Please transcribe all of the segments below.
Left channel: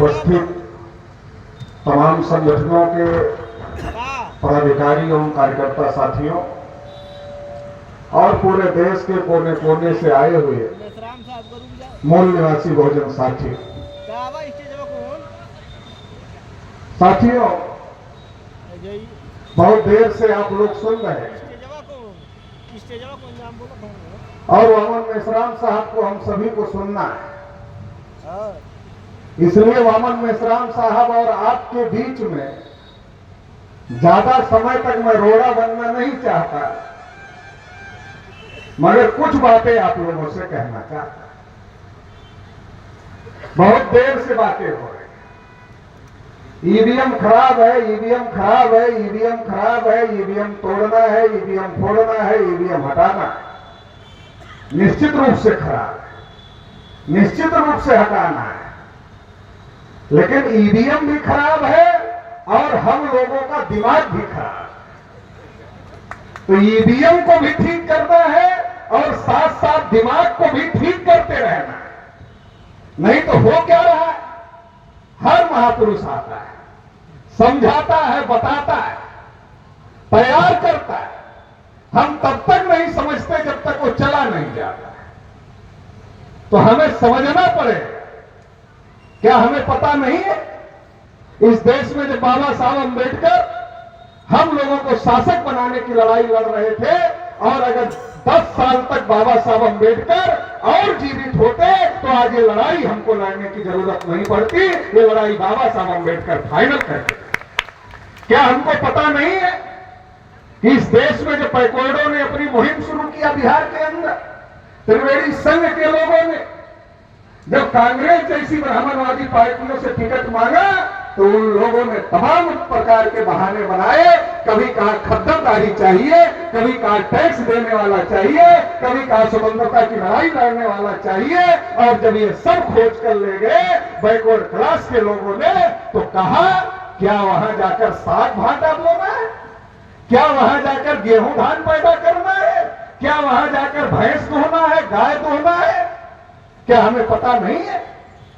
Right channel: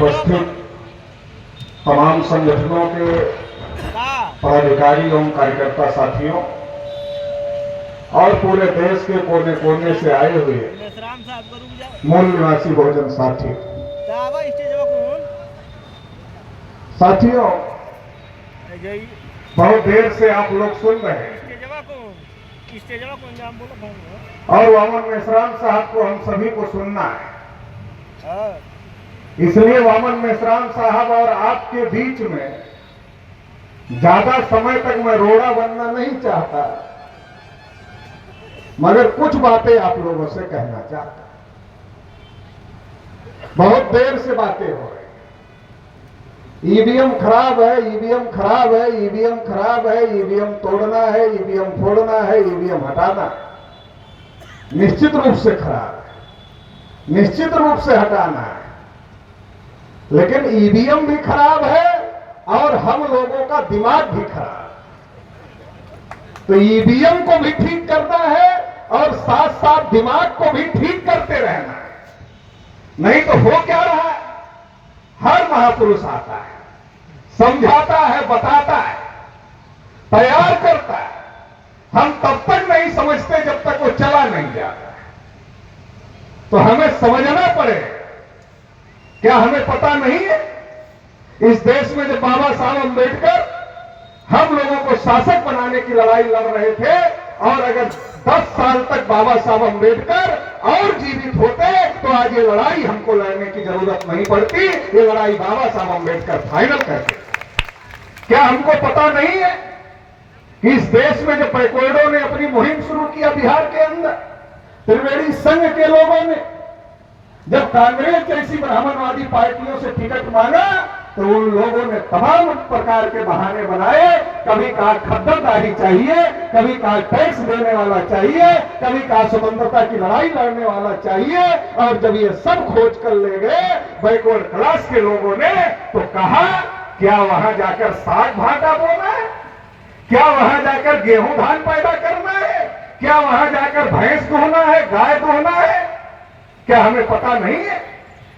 उपस्थित तमाम संगठनों के पदाधिकारी एवं कार्यकर्ता साथियों और पूरे देश के कोने कोने से आए हुए मूल निवासी बहुजन साथी साथियों, बहुत देर से आप लोग सुन रहे हैं और वामन मेश्राम साहब को हम सभी को सुनना है। इसलिए वामन मेश्राम साहब और आपके बीच में ज्यादा समय तक मैं रोड़ा बनना नहीं चाहता, मगर कुछ बातें आप लोगों से कहना चाहता। बहुत देर से बातें हो रही, ईवीएम खराब है, ईवीएम खराब है, ईवीएम खराब है, ईवीएम तोड़ना है, ईवीएम फोड़ना है, ईवीएम हटाना है। निश्चित रूप से खराब है, निश्चित रूप से हटाना है, लेकिन ईवीएम भी खराब है और हम लोगों का दिमाग भी खराब है। तो ईवीएम को भी ठीक करना है और साथ साथ दिमाग को भी ठीक करते रहना है। नहीं तो हो क्या रहा है, हर महापुरुष आता है, समझाता है, बताता है, तैयार करता है, हम तब तक नहीं समझते जब तक वो चला नहीं जाता। तो हमें समझना पड़ेगा। क्या हमें पता नहीं है, इस देश में जब बाबा साहब अम्बेडकर हम लोगों को शासक बनाने की लड़ाई लड़ रहे थे, और अगर 10 साल तक बाबा साहब अम्बेडकर और जीवित होते तो आज ये लड़ाई हमको लड़ने की जरूरत नहीं पड़ती। ये लड़ाई बाबा साहब अम्बेडकर फाइनल करते। क्या हमको पता नहीं है कि इस देश में जब बैकवर्डों ने अपनी मुहिम शुरू किया बिहार के अंदर, त्रिवेणी संघ के लोगों ने जब कांग्रेस जैसी ब्राह्मणवादी पार्टियों से टिकट मांगा तो उन लोगों ने तमाम प्रकार के बहाने बनाए। कभी कहा खद्दरदारी चाहिए, कभी कहा टैक्स देने वाला चाहिए, कभी कहा स्वतंत्रता की लड़ाई लड़ने वाला चाहिए। और जब ये सब खोज कर ले गए बैकवर्ड क्लास के लोगों ने, तो कहा क्या वहां जाकर साग भाटा बोना है, क्या वहां जाकर गेहूं धान पैदा करना है, क्या वहां जाकर भैंस धोना है, गाय धोना है? क्या हमें पता नहीं है?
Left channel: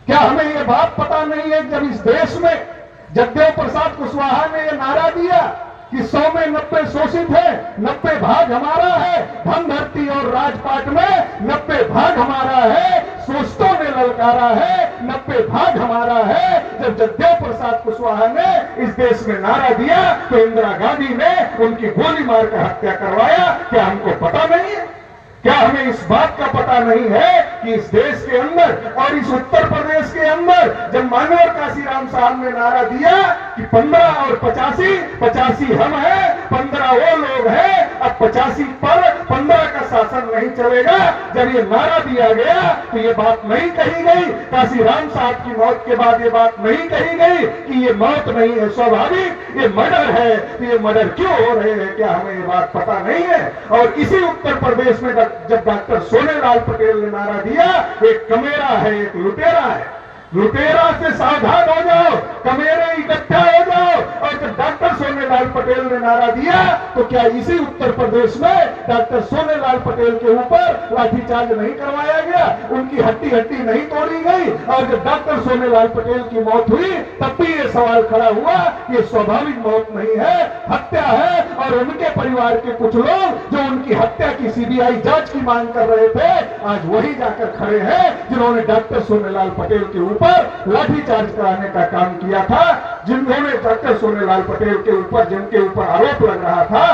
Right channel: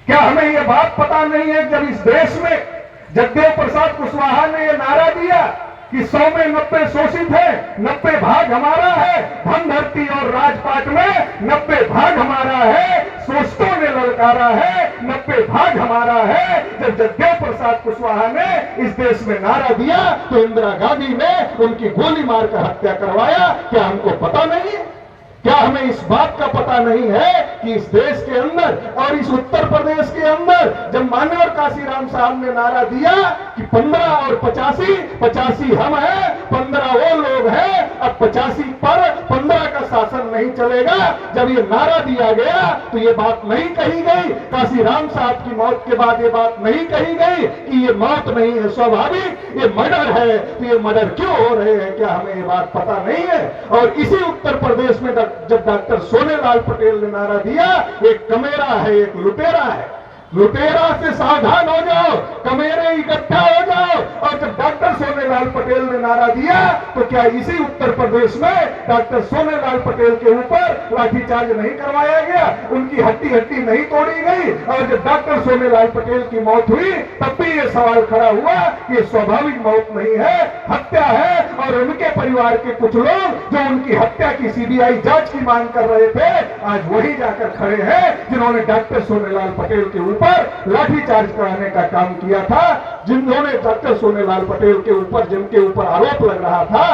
क्या हमें ये बात पता नहीं है? जब इस देश में जगदेव प्रसाद कुशवाहा ने ये नारा दिया कि 100 में 90 शोषित है, 90 भाग हमारा है, धन धरती और राजपाट में 90 भाग हमारा है, शोषितों ने ललकारा है, 90 भाग हमारा है। जब जगदेव प्रसाद कुशवाहा ने इस देश में नारा दिया तो इंदिरा गांधी ने उनकी गोली मारकर हत्या करवाया। क्या हमको पता नहीं है? क्या हमें इस बात का पता नहीं है कि इस देश के अंदर और इस उत्तर प्रदेश के अंदर जब मानव काशीराम साहब ने नारा दिया कि 15 और 85, 85 हम हैं, 15 वो लोग हैं, अब 85 पर 15 का शासन नहीं चलेगा। जब ये नारा दिया गया तो ये बात नहीं कही गई, काशीराम साहब की मौत के बाद ये बात नहीं कही गई कि ये मौत नहीं है स्वाभाविक, ये मर्डर है। तो ये मर्डर क्यों हो रहे हैं, क्या हमें ये बात पता नहीं है? और इसी उत्तर प्रदेश में जब डॉक्टर सोनेलाल पटेल ने नारा दिया, एक कमेरा है, एक लुटेरा है, लुटेरा से सावधान हो जाओ, कमेरे इकट्ठा हो जाओ। और जब डॉक्टर सोनेलाल पटेल ने नारा दिया तो क्या इसी उत्तर प्रदेश में डॉक्टर सोनेलाल पटेल के ऊपर लाठीचार्ज नहीं करवाया गया, उनकी हड्डी हड्डी नहीं तोड़ी गई? और जब डॉक्टर सोनेलाल पटेल की मौत हुई तब भी ये सवाल खड़ा हुआ कि ये स्वाभाविक मौत नहीं है, हत्या है। और उनके परिवार के कुछ लोग जो उनकी हत्या की सीबीआई जांच की मांग कर रहे थे, आज वही जाकर खड़े हैं जिन्होंने डॉक्टर सोनेलाल पटेल के ऊपर लाठीचार्ज कराने का काम किया था, जिन्होंने डॉक्टर सोनेलाल पटेल के ऊपर जिनके ऊपर आरोप लग रहा था,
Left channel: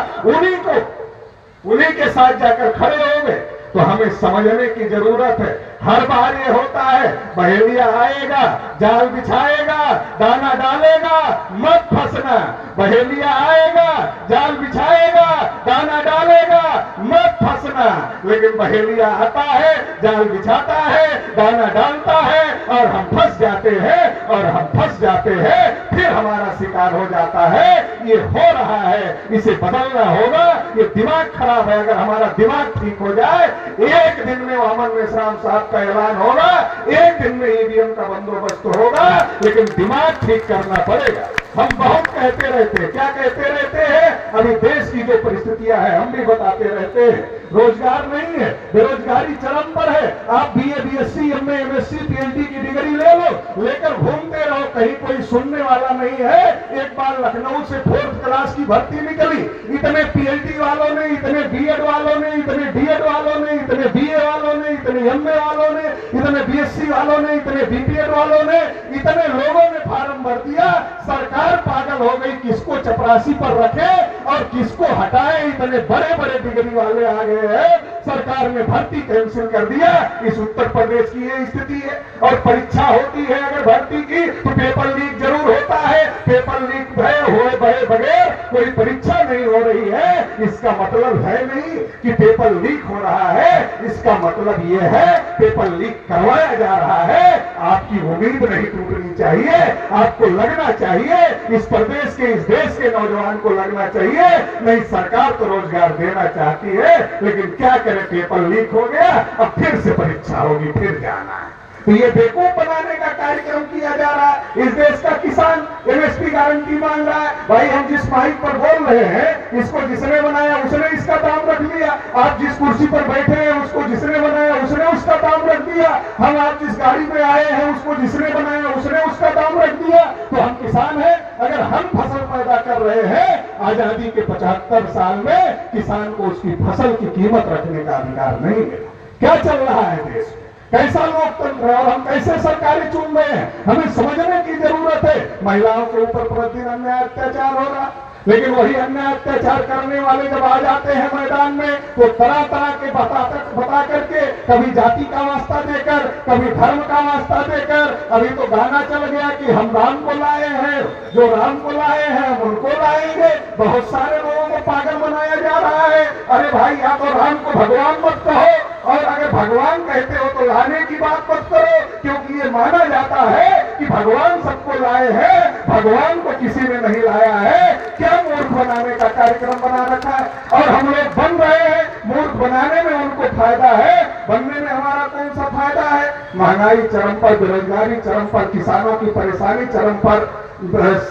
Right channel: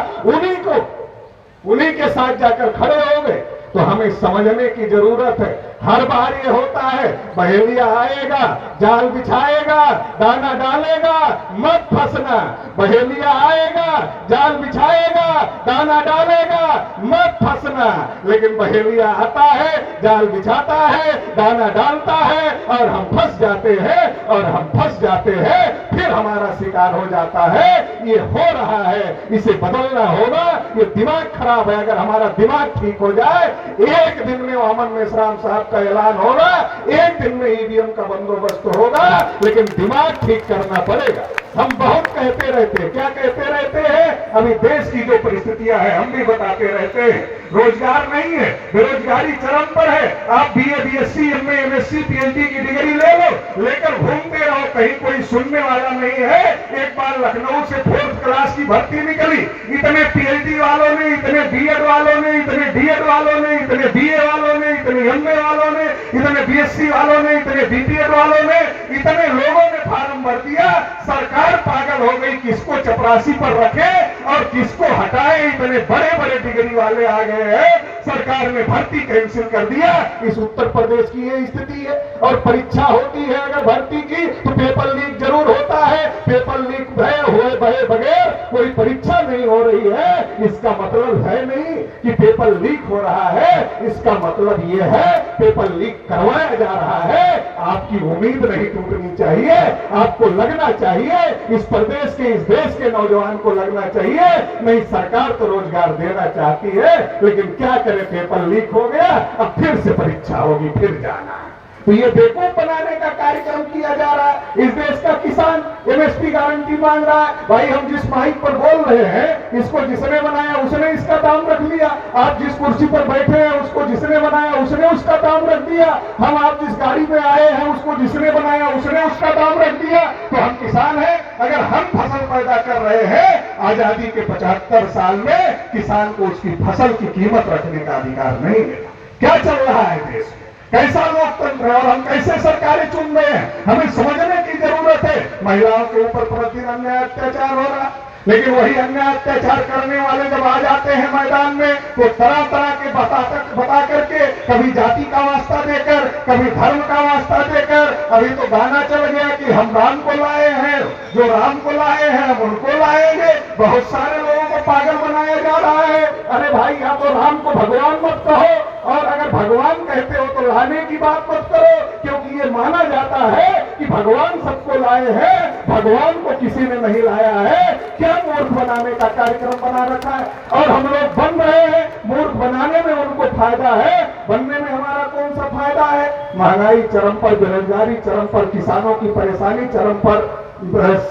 उन्हीं के साथ जाकर खड़े हो गए। तो हमें समझने की जरूरत है। हर बार ये होता है, बहेलिया आएगा, जाल बिछाएगा, दाना डालेगा, मत फंसना। बहेलिया आएगा, जाल बिछाएगा, दाना डालेगा, मत फंसना। लेकिन बहेलिया आता है, जाल बिछाता है, दाना डालता है और हम फंस जाते हैं, और हम फंस जाते हैं, फिर हमारा शिकार हो जाता है। ये हो रहा है, इसे बदलना होगा। ये दिमाग खराब है। अगर हमारा दिमाग ठीक हो जाए, एक दिन में वामन मेश्राम साहब का ऐलान होगा, एक दिन में ईवीएम का बंदोबस्त होगा, लेकिन दिमाग ठीक करना पड़ेगा। हम बहुत कहते रहते हैं, क्या कहते रहते हैं? अभी देश की जो परिस्थितियां हैं हम भी बताते रहते हैं। रोजगार नहीं है, बेरोजगारी चरम पर है। आप BA, BSc, MA, MSc, PhD की डिग्री ले लो, लेकर घूमते रहो कहीं कोई सुनने वाला नहीं है। एक बार लखनऊ से 4th क्लास की भर्ती निकली, इतने पीएचडी वालों ने, इतने बीएड वालों ने, इतने डीएड वालों ने, इतने बीए वालों ने, इतने एमए वालों ने, इतने बीएससी वालों ने, इतने बीपीएड वालों ने, इतने लोगों ने फार्म भर दिया। सरकार पागल हो गई, किसको चपरासी पर रखे और किसको हटाए। इतने बड़े बड़े डिग्री वाले आ गए हैं, सरकार ने भर्ती कैंसिल कर दिया। इस उत्तर प्रदेश की ये स्थिति है। और परीक्षा होती है अगर भर्ती की तो पेपर लीक जरूर होता है। पेपर लीक हुए बगैर कोई परीक्षा नहीं हो रही है, इसका मतलब है नहीं कि पेपर लीक हो रहा है। इसका मतलब ये है पेपर लीक करवाया जा रहा है। आपकी उम्मीद नहीं टूटनी चाहिए, आपको लगना चाहिए, इस प्रदेश के, इस देश के नौजवान को लगना चाहिए नहीं सरकार तो रोजगार देना चाहती है, लेकिन क्या करे, पेपर लीक हो गया, अब फिर से परीक्षा होगी, फिर जाना है। तो ये बेवकूफ बनाने का कार्यक्रम किया जा रहा है। इस देश का किसान एमएसपी गारंटी मांग रहा है। भाई हम जिस माइक पर बोल रहे हैं, इसको जिसने बनाया उसने इसका दाम रख लिया। आप जिस कुर्सी पर बैठे हैं उसको जिसने बनाया उसने उसका दाम रख दिया। हम आप जिस गाड़ी में आए हैं उसको जिसने बनाया उसने उसका दाम रख दिया। तो हम किसान हैं, अगर हम फसल पैदा कर रहे हैं, आजादी के 75 साल में किसान को उसकी फसल की कीमत रखने का अधिकार नहीं है। क्या चल रहा है देश में, कैसा लोकतंत्र है और हम कैसे सरकारें चुन रहे हैं, हमें समझने की जरूरत है। महिलाओं के ऊपर प्रतिदिन अन्याय अत्याचार हो रहा है, लेकिन वही अन्याय अत्याचार करने वाले जब आ जाते हैं मैदान में तो तरह तरह के बता करके, कभी जाति का वास्ता देकर, कभी धर्म का वास्ता देकर। अभी तो गाना चल गया कि हम राम को लाए हैं, जो राम को लाए हैं हम उनको लाएंगे। बहुत सारे लोगों को पागल बनाया जा रहा है। अरे भाई, या तो राम को भगवान मत कहो, और अगर भगवान कहते हो तो लाने की बात मत करो, क्योंकि ये माना जाता है कि भगवान सबको लाए हैं, भगवान को किसी ने नहीं लाया है। क्या मूर्ख बनाने का कार्यक्रम बना रखा है, और हम लोग बन रहे हैं। मूर्ख बनाने में उनको फायदा है, बनने में हमारा कौन सा फायदा है। महंगाई चरम पर, बेरोजगारी चरम पर, किसानों की परेशानी चरम पर,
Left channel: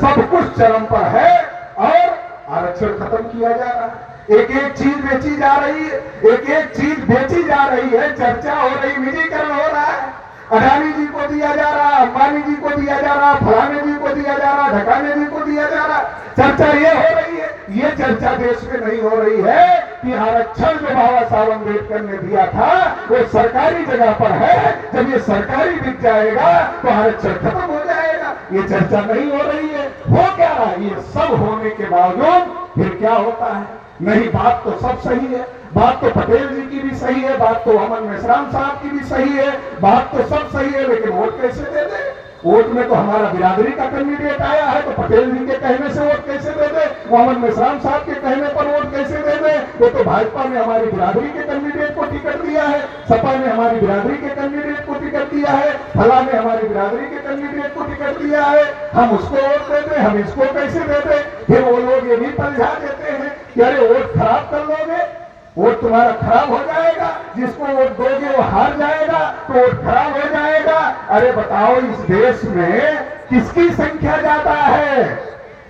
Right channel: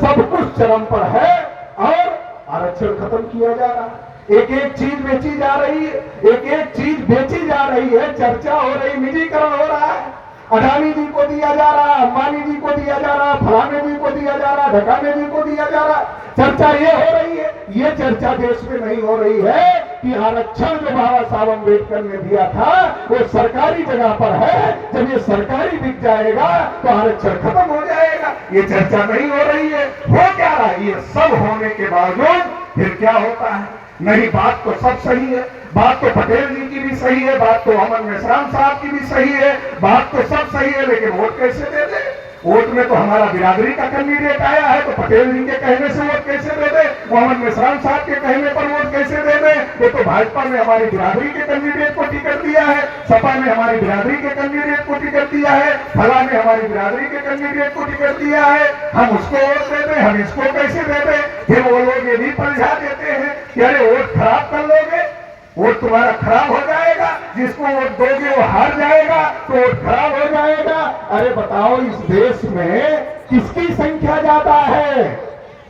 सब कुछ चरम पर है, और आरक्षण खत्म किया जा रहा है। एक एक चीज बेची जा रही है, एक एक चीज बेची जा रही है, चर्चा हो रही, निजीकरण हो रहा है। अडानी जी को दिया जा रहा, अंबानी जी को दिया जा रहा, फलाने जी को दिया जा रहा, ढकाने जी को दिया जा रहा। चर्चा ये हो रही है। ये चर्चा देश में नहीं हो रही है कि आरक्षण जो बाबा साहब अम्बेडकर ने दिया था वो सरकारी जगह पर है। जब ये सरकारी बिक जाएगा तो आरक्षण खत्म हो जाएगा। ये चर्चा नहीं हो रही है। हो क्या रहा है, ये सब होने के बावजूद फिर क्या होता है। नहीं, बात तो सब सही है, बात तो पटेल जी की भी सही है, बात तो अमन मेश्राम साहब की भी सही है, बात तो सब सही है, लेकिन वोट कैसे दे दे। वोट में तो हमारा बिरादरी का कैंडिडेट आया है, तो पटेल जी के कहने से वोट कैसे दे दे, मोहम्मद मेश्राम साहब के कहने पर वोट कैसे दे दे। वो तो भाजपा ने हमारी बिरादरी के कैंडिडेट को टिकट दिया है, सपा ने हमारी बिरादरी के कैंडिडेट को टिकट दिया है, फला ने हमारी बिरादरी के कैंडिडेट को टिकट दिया है। हम उसको वोट दे दें, हम इसको कैसे दे दें। फिर वो लोग ये भी पलझा देते हैं कि अरे वोट खराब कर लोगे, वोट तुम्हारा खराब हो जाएगा, जिसको वोट दोगे वो हार जाएगा, तो वोट खराब हो जाएगा। अरे बताओ, इस देश में किसकी संख्या ज्यादा है,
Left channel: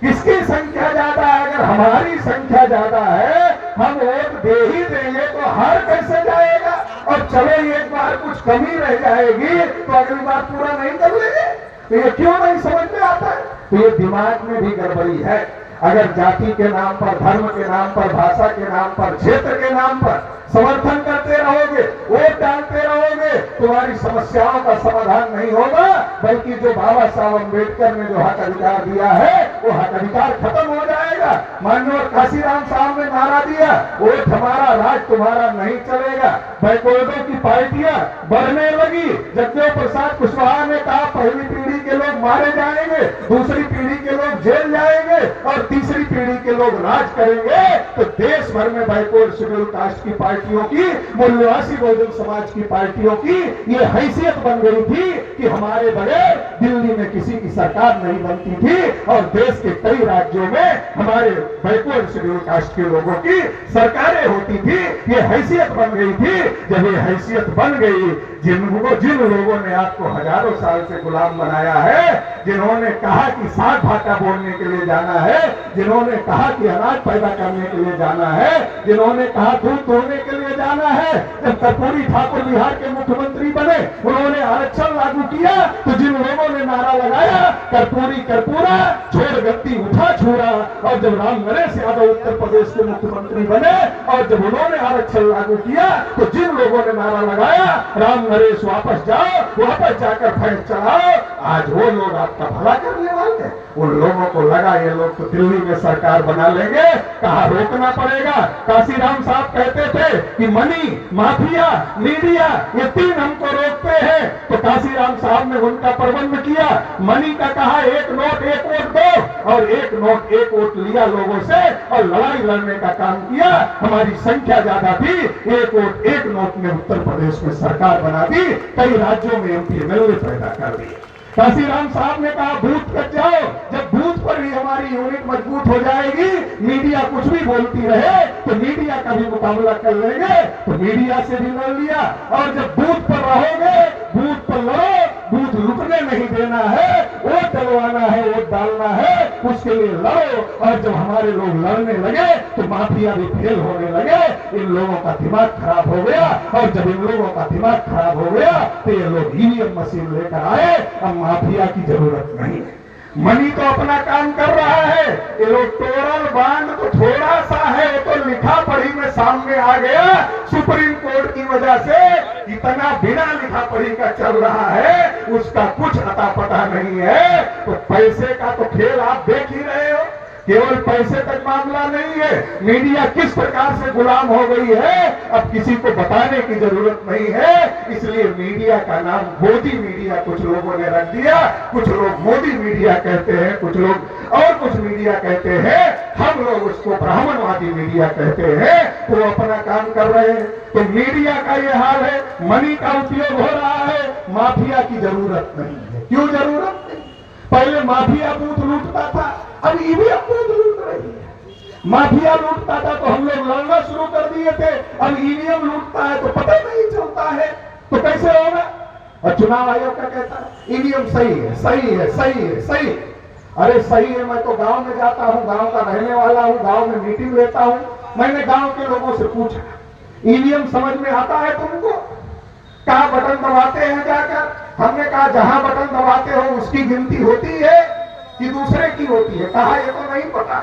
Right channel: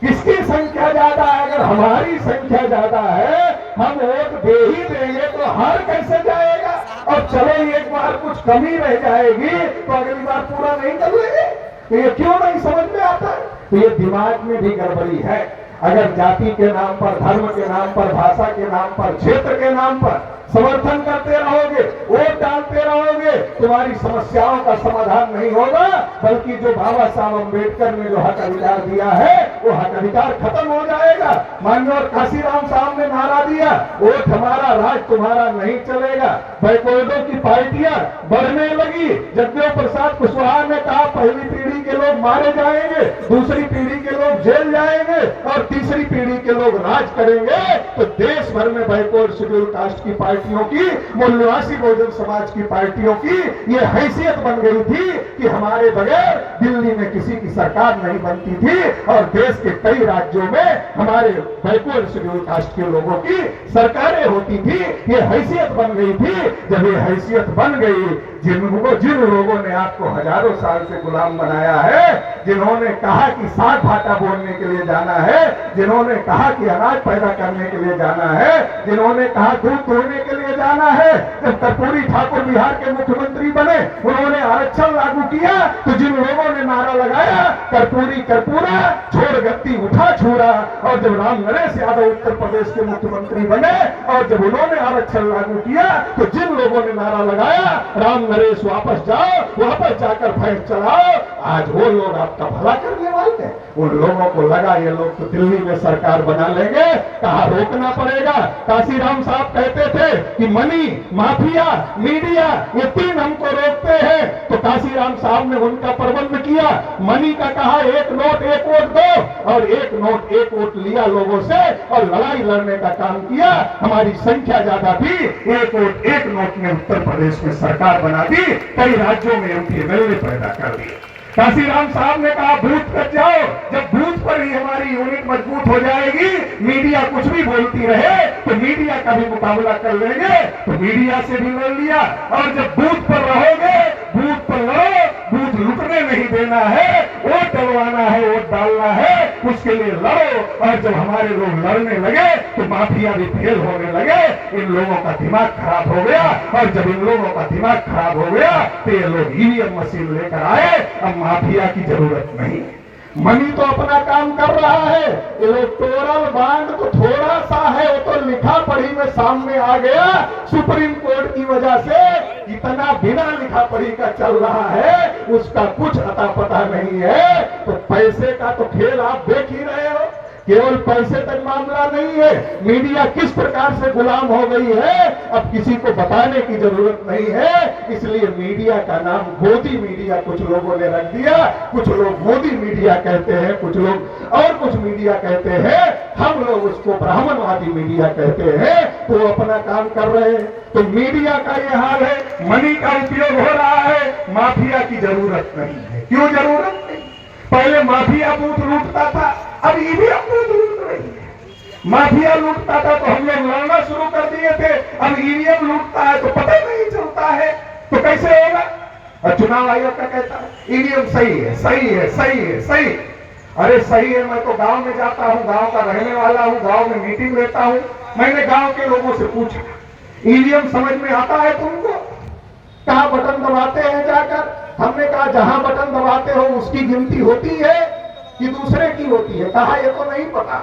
किसकी संख्या ज्यादा है। अगर हमारी संख्या ज्यादा है, हम वोट दे ही देंगे तो हार कैसे जाएगा। और चलो एक बार कुछ कमी रह जाएगी तो अगली बार पूरा नहीं कर लेंगे। तो ये क्यों नहीं समझ में आता है। तो ये दिमाग में भी गड़बड़ी है। अगर जाति के नाम पर, धर्म के नाम पर, भाषा के नाम पर, क्षेत्र के नाम पर समर्थन करते रहोगे, वोट डालते रहोगे, तुम्हारी समस्याओं का समाधान नहीं होगा, बल्कि जो बाबा साहब अम्बेडकर ने जो हक अधिकार दिया है वो हक अधिकार खत्म हो जाएगा। माननीय काशीराम साहब ने नारा दिया, वोट हमारा, राज तुम्हारा नहीं चलेगा। बैकवर्डों की पार्टियां बढ़ने लगी। जगदेव प्रसाद कुशवाहा ने कहा पहली पीढ़ी के लोग मारे जाएंगे, दूसरी पीढ़ी के लोग जेल जाएंगे और तीसरी पीढ़ी के लोग राज करेंगे। तो देश भर में बैकवर्ड शेड्यूल कास्ट की पार्टियों की, मूल्यवासी बहुजन समाज की पार्टियों की ये हैसियत बन गई थी कि हमारे बगैर दिल्ली में किसी की सरकार नहीं बनती थी, और देश के कई राज्यों में हमारे बैकवर्ड शेड्यूल कास्ट के लोगों की सरकारें होती थी। ये हैसियत बन गई थी। जब ये हैसियत बन गई, जिन लोगों ने आपको हजारों साल से गुलाम बनाया है, जिन्होंने कहा कि साग भाटा बोलने के लिए जाना है, जिन्होंने कहा कि अनाज पैदा करने के लिए जाना है, जिन्होंने कहा दूध धोने के लिए जाना है, जब कर्पूरी ठाकुर बिहार के मुख्यमंत्री बने, उन्होंने आरक्षण लागू किया, तो जिन लोगों ने नारा लगाया कर्पूरी कर्पूरा छोड़ गद्दी उठा छूरा। और जब राम नरेश यादव उत्तर प्रदेश के मुख्यमंत्री बने और जब उन्होंने आरक्षण लागू किया तो जिन लोगों ने नारा लगाया राम नरेश वापस जाओ, वापस जाकर भैंस चलाओ, आज वो लोग आपका भला करने वाले हैं। उन लोगों को लगा ये लोग तो दिल्ली में सरकार बना लेंगे, कहा रोकना पड़ेगा। काशीराम साहब कहते थे कि मनी, माफिया, मीडिया ये तीन हमको रोकते हैं, तो काशीराम साहब ने उनका प्रबंध किया। मनी का कहा एक नोट एक वोट दो, और एक नोट एक वोट लिया लोगों से और लड़ाई लड़ने का काम किया। हमारी संख्या ज्यादा थी, एक वोट एक नोट में उत्तर प्रदेश में सरकार बना दी, कई राज्यों में एमपी एमएलए पैदा कर दिए। काशीराम साहब ने कहा बूथ पर जाओ, जब बूथ पर ही हमारी यूनिट मजबूत हो जाएगी, मीडिया कुछ भी बोलती रहे तो मीडिया का भी मुकाबला कर लेंगे, तो मीडिया से भी लड़ लिया। और जब बूथ पर रहोगे, बूथ पर लड़ो, बूथ लुटने नहीं देना है, वोट डलवाना है, वोट डालना है, उसके लिए लड़ो। और जब हमारे लोग लड़ने लगे तो माफिया भी फेल होने लगे, इन लोगों का दिमाग खराब हो गया। और जब इन लोगों का दिमाग खराब हो गया तो ये लोग ईवीएम मशीन लेकर आए, अब माफिया की जरूरत नहीं। मनी तो अपना काम कर रहा है, इलेक्टोरल बांड तो थोड़ा सा है, वो तो लिखा पढ़ी में सामने आ गया। सुप्रीम कोर्ट की वजह से इतना बिना लिखा पढ़ी का चल रहा है, उसका कुछ अता पता नहीं है। तो पैसे का तो खेल आप देख ही रहे हो, केवल पैसे तक मामला नहीं है। मीडिया किस प्रकार से गुलाम हो गई है अब किसी को बताने की जरूरत नहीं है, इसलिए मीडिया का नाम मोदी मीडिया कुछ लोगों ने रख दिया। कुछ लोग मोदी मीडिया कहते हैं, कुछ लोग और कुछ मीडिया कहते हैं, हम लोग उसको ब्राह्मणवादी मीडिया कहते हैं। तो वो अपना काम कर रहे हैं। तो मीडिया का ये हाल है, मनी का उपयोग हो रहा है, माफिया की जरूरत नहीं है। क्यों जरूरत नहीं? पहले माफिया बूथ लूटता था, अब ईवीएम बूथ लूट रही है। माफिया लूटता था तो हम लोग लड़ना शुरू कर दिए थे, अब ईवीएम लूटता है तो पता नहीं चलता है, तो कैसे होगा? और चुनाव आयोग का कहता है ईवीएम सही है, सही है, सही है, सही। अरे सही है, मैं तो गांव में जाता हूं, गांव का रहने वाला हूं, गांव में मीटिंग लेता हूं। मैंने गांव के लोगों से पूछा ईवीएम समझ में आता है तुमको? कहां बटन दबाते हैं जाकर? हमने कहा जहां बटन दबाते हो उसकी गिनती होती है कि दूसरे की होती है? कहा ये तो नहीं पता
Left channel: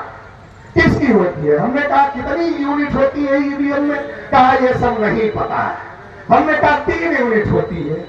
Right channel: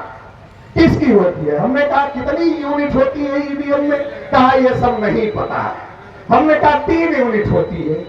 किसकी होती है। हमने कहा कितनी यूनिट होती है ईवीएम में? कहा ये सब नहीं पता है। हमने कहा 3 यूनिट होती है,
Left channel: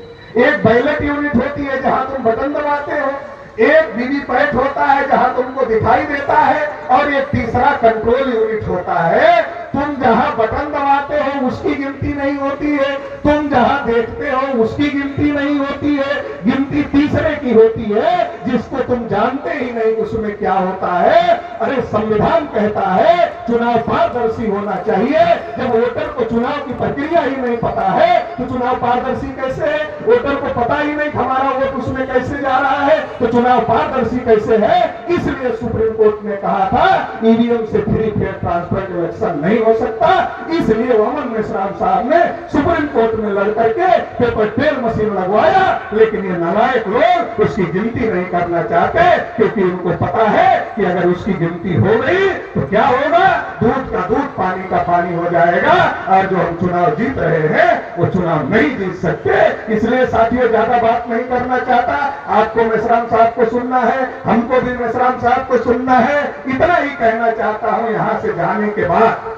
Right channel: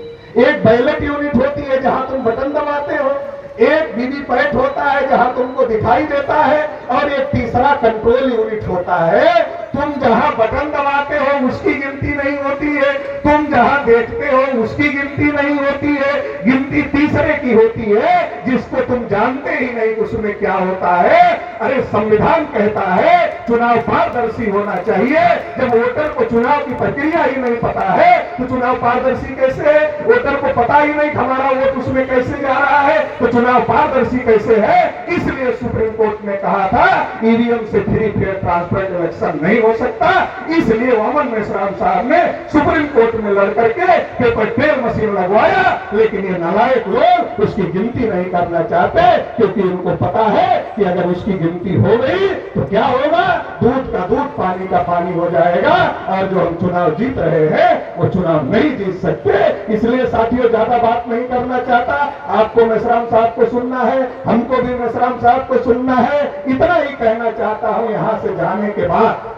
एक बैलेट यूनिट होती है जहां तुम बटन दबाते हो, एक वीवीपैट होता है जहां तुमको दिखाई देता है, और एक तीसरा कंट्रोल यूनिट होता है। तुम जहां बटन दबाते हो उसकी गिनती नहीं होती है, तुम जहां देखते हो उसकी गिनती नहीं होती है, गिनती तीसरे की होती है जिसको तुम जानते ही नहीं उसमें क्या होता है। अरे संविधान कहता है चुनाव पारदर्शी होना चाहिए। जब वोटर को चुनाव की प्रक्रिया ही नहीं पता है तो चुनाव पारदर्शी कैसे है? वोटर को पता ही नहीं हमारा वोट उसमें कैसे जा रहा है तो चुनाव पारदर्शी कैसे है? इसलिए सुप्रीम कोर्ट ने कहा था ईवीएम से फ्री फेयर ट्रांसपेरेंट इलेक्शन नहीं हो सकता। इसलिए वामन मेश्राम साहब ने सुप्रीम कोर्ट में लड़ करके पेपर ट्रेल मशीन लगवाया, लेकिन ये नालायक लोग उसकी गिनती नहीं करना चाहते, क्योंकि उनको पता है कि अगर उसकी गिनती हो गई तो क्या होगा? दूध का दूध, पानी का पानी हो जाएगा, और जो हम चुनाव जीत रहे हैं वो चुनाव नहीं जीत सकते। इसलिए साथियों ज्यादा बात नहीं करना चाहता, आपको मेश्राम साहब को सुनना है, हमको भी मेश्राम साहब को सुनना है। इतना ही कहना चाहता हूं, यहां से जाने के बाद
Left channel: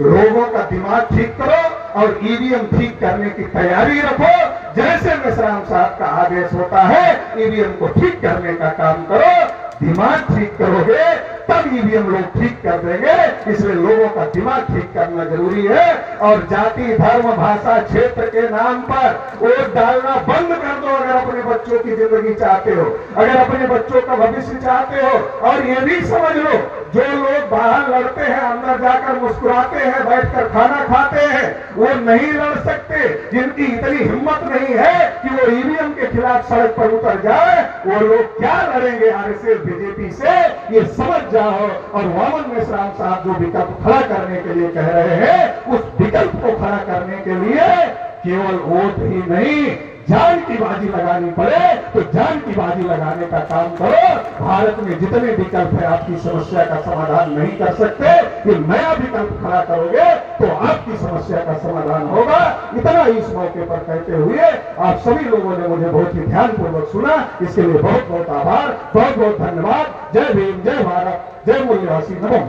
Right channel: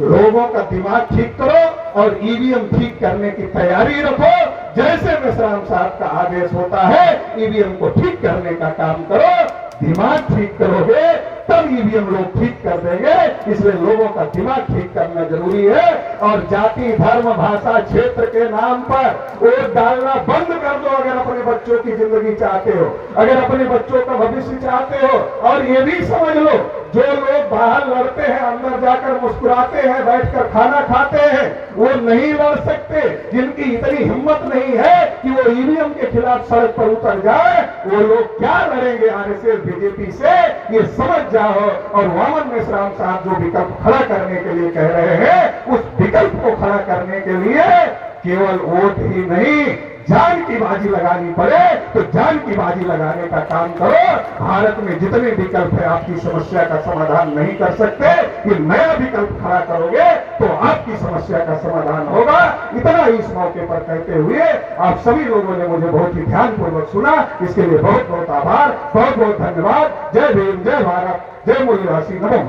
लोगों का दिमाग ठीक करो और ईवीएम ठीक करने की तैयारी रखो। जैसे मेश्राम साहब का आदेश होता है ईवीएम को ठीक करने का काम करो। दिमाग ठीक करोगे तब ईवीएम लोग ठीक कर देंगे। इसलिए लोगों का दिमाग ठीक करना जरूरी है। और जाति, धर्म, भाषा, क्षेत्र के नाम पर वोट डालना बंद कर दो अगर अपने बच्चों की जिंदगी चाहते हो, अगर अपने बच्चों का भविष्य चाहते हो। और ये भी समझ लो, जो लोग बाहर लड़ते हैं, अंदर जाकर मुस्कुराते हैं, बैठकर खाना खाते हैं, वो नहीं लड़ सकते। जिनकी इतनी हिम्मत नहीं है कि वो ईवीएम के खिलाफ सड़क पर उतर जाए, वो लोग क्या लड़ेंगे आरएसएस बीजेपी से? ये समझ जाओ। और वामन मेश्राम साहब जो विकल्प खड़ा करने के लिए कह रहे हैं, उस विकल्प को खड़ा करने के लिए केवल वोट ही नहीं, जान की बाजी लगानी पड़े तो जान की बाजी लगाने का काम करो। भारत में जितने विकल्प है आपकी समस्या का समाधान नहीं कर सकते, ये नया विकल्प खड़ा करोगे तो आपकी समस्या का समाधान होगा। इतना ही इस मौके पर कहते हुए आप सभी लोगों ने मुझे बहुत ही ध्यानपूर्वक सुना, इसके लिए बहुत बहुत आभार, बहुत बहुत धन्यवाद। जय भीम, जय भारत, जय मूल्यवासी, नमो।